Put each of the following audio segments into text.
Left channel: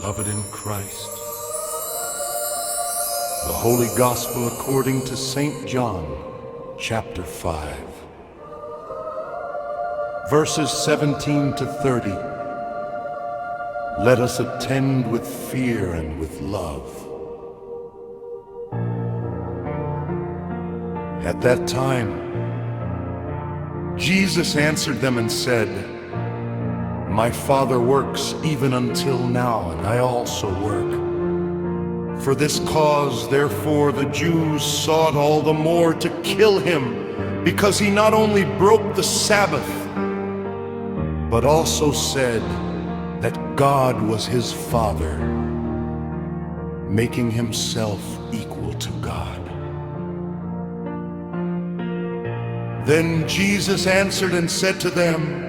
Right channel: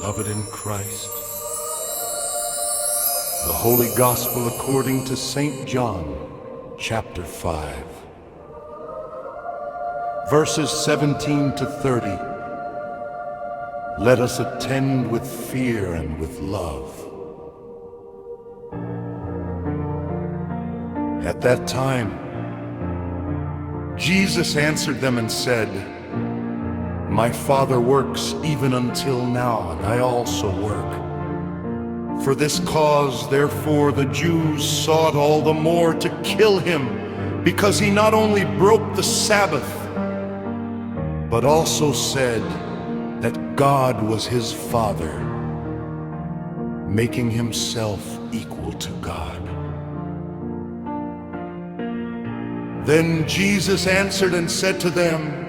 Beloved in Christ, the Holy Gospel according to St. John, chapter 5, verses 17 to 30. Let us attend with fear and with love. At that time, Jesus answered them and said, My Father works even until now, and I also work. For this cause, therefore, the Jews sought all the more to kill him, because he not only broke the Sabbath, but also said that God was his Father, making himself equal to God. Then Jesus answered and said to them,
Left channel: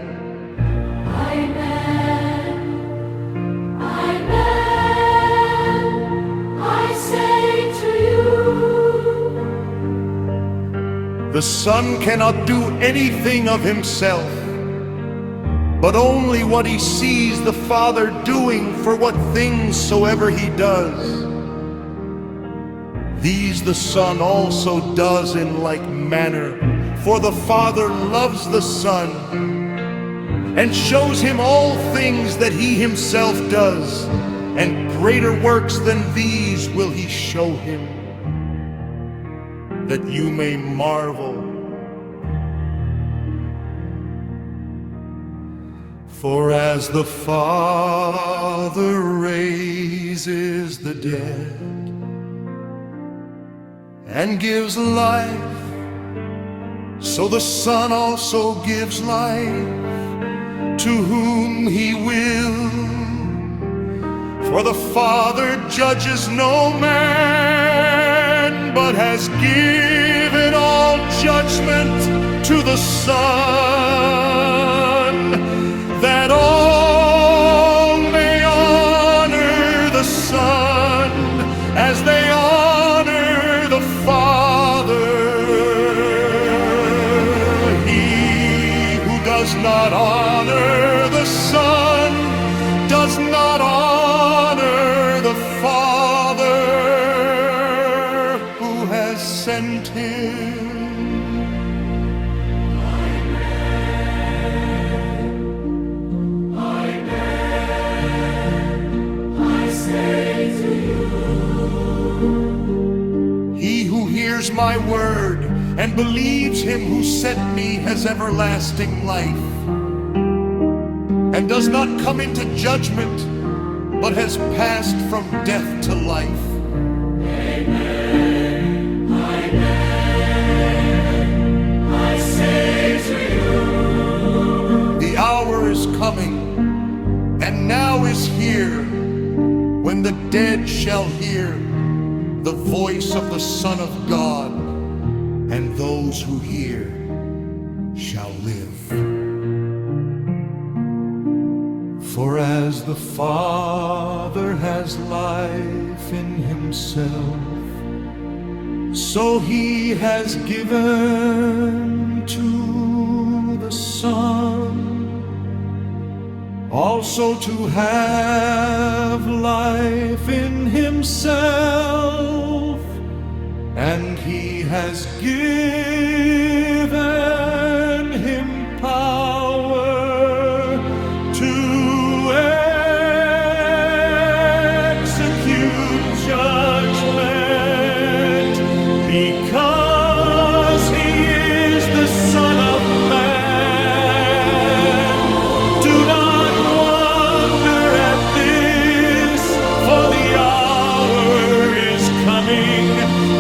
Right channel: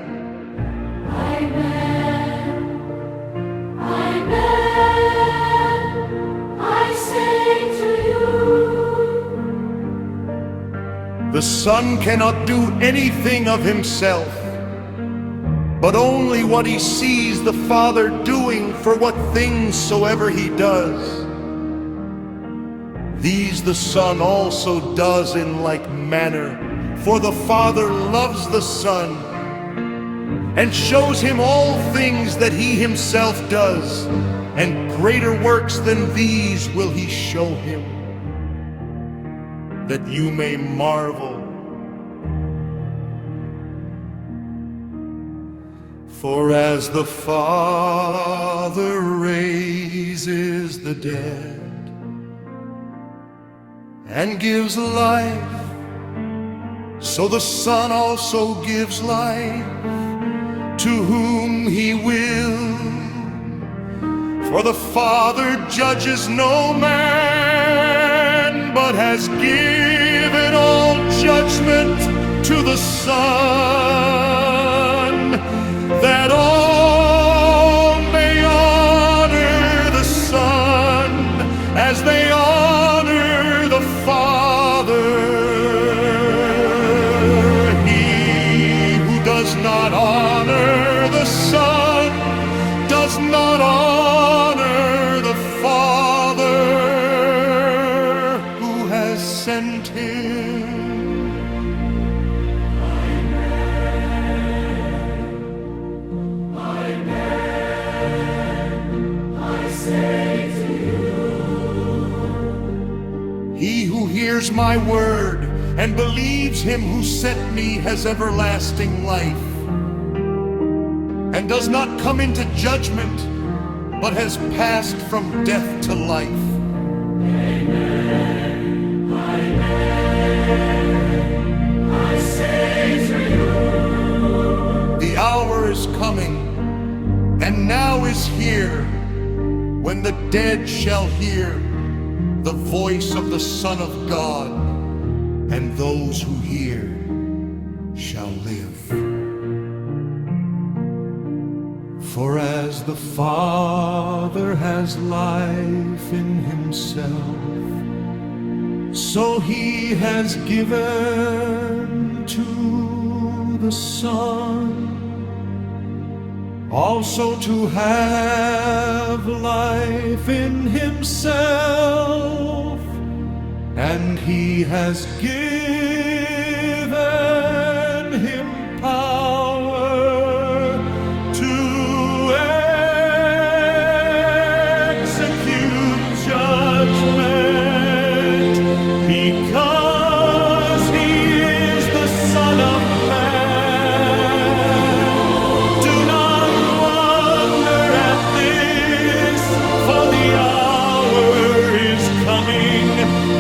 The Son cannot do anything of himself, but only what he sees the Father doing, for what things soever he does, these the Son also does in like manner. For the Father loves the Son, and shows him all things that he himself does, and greater works than these will he show him, that you may marvel. For as the Father raises the dead and gives life, so the Son also gives life to whom he will. For the Father judges no man, but has given all judgment to the Son, that all may honor the Son as they honor the Father. He who does not honor the Son does not honor the Father who has sent him. Amen. Amen. I say to you, he who hears my word and believes him who sent me has everlasting life, and does not come into judgment, but has passed from death to life. Amen. Amen. I say to you, the hour is coming, and now is here, when the dead shall hear the voice of the Son of God, and those who hear shall live. For as the Father has life in himself, so he has given to the Son also to have life in himself, and he has given him power to execute judgment, because he is the Son of Man. Do not wonder at this, for the hour is coming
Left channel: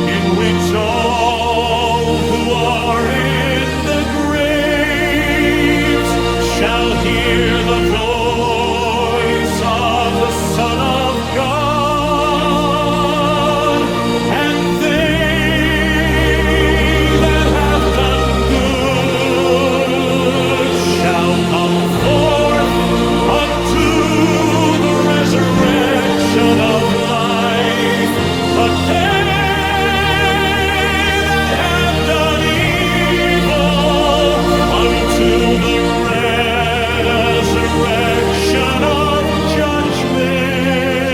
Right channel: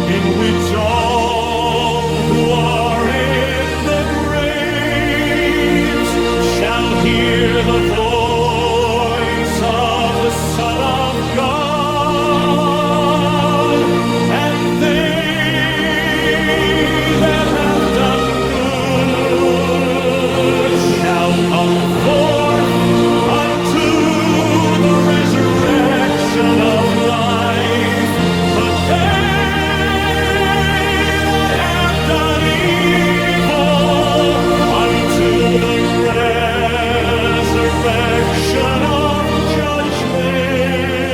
in which all who are in the graves shall hear the voice of the Son of God, and they that have done good shall come forth unto the resurrection of life, but they that have done evil unto the resurrection of judgment.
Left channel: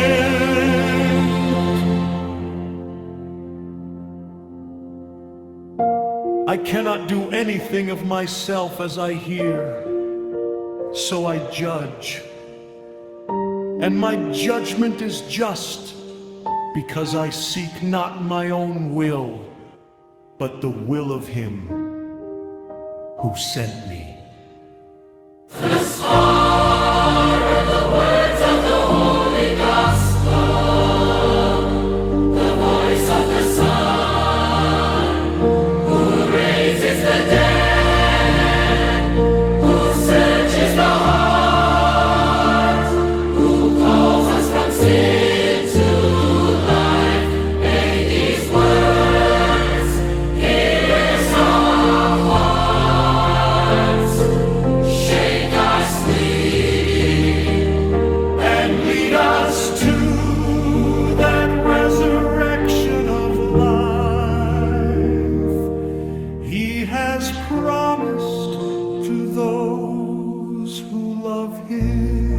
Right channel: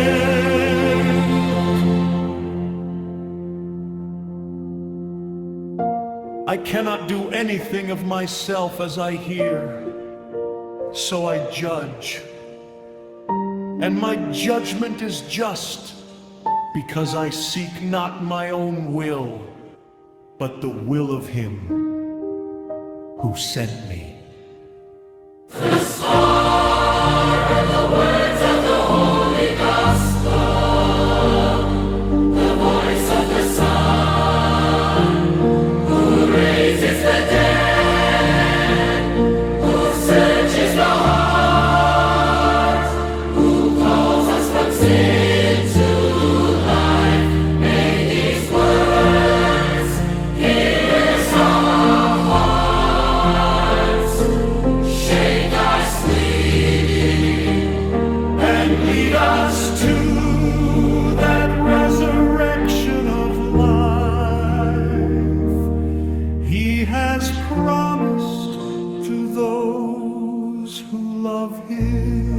I cannot do anything of myself as I hear, so I judge. And my judgment is just, because I seek not my own will, but the will of Him who sent me. And lead us to that resurrection of life He has promised to those who love Him.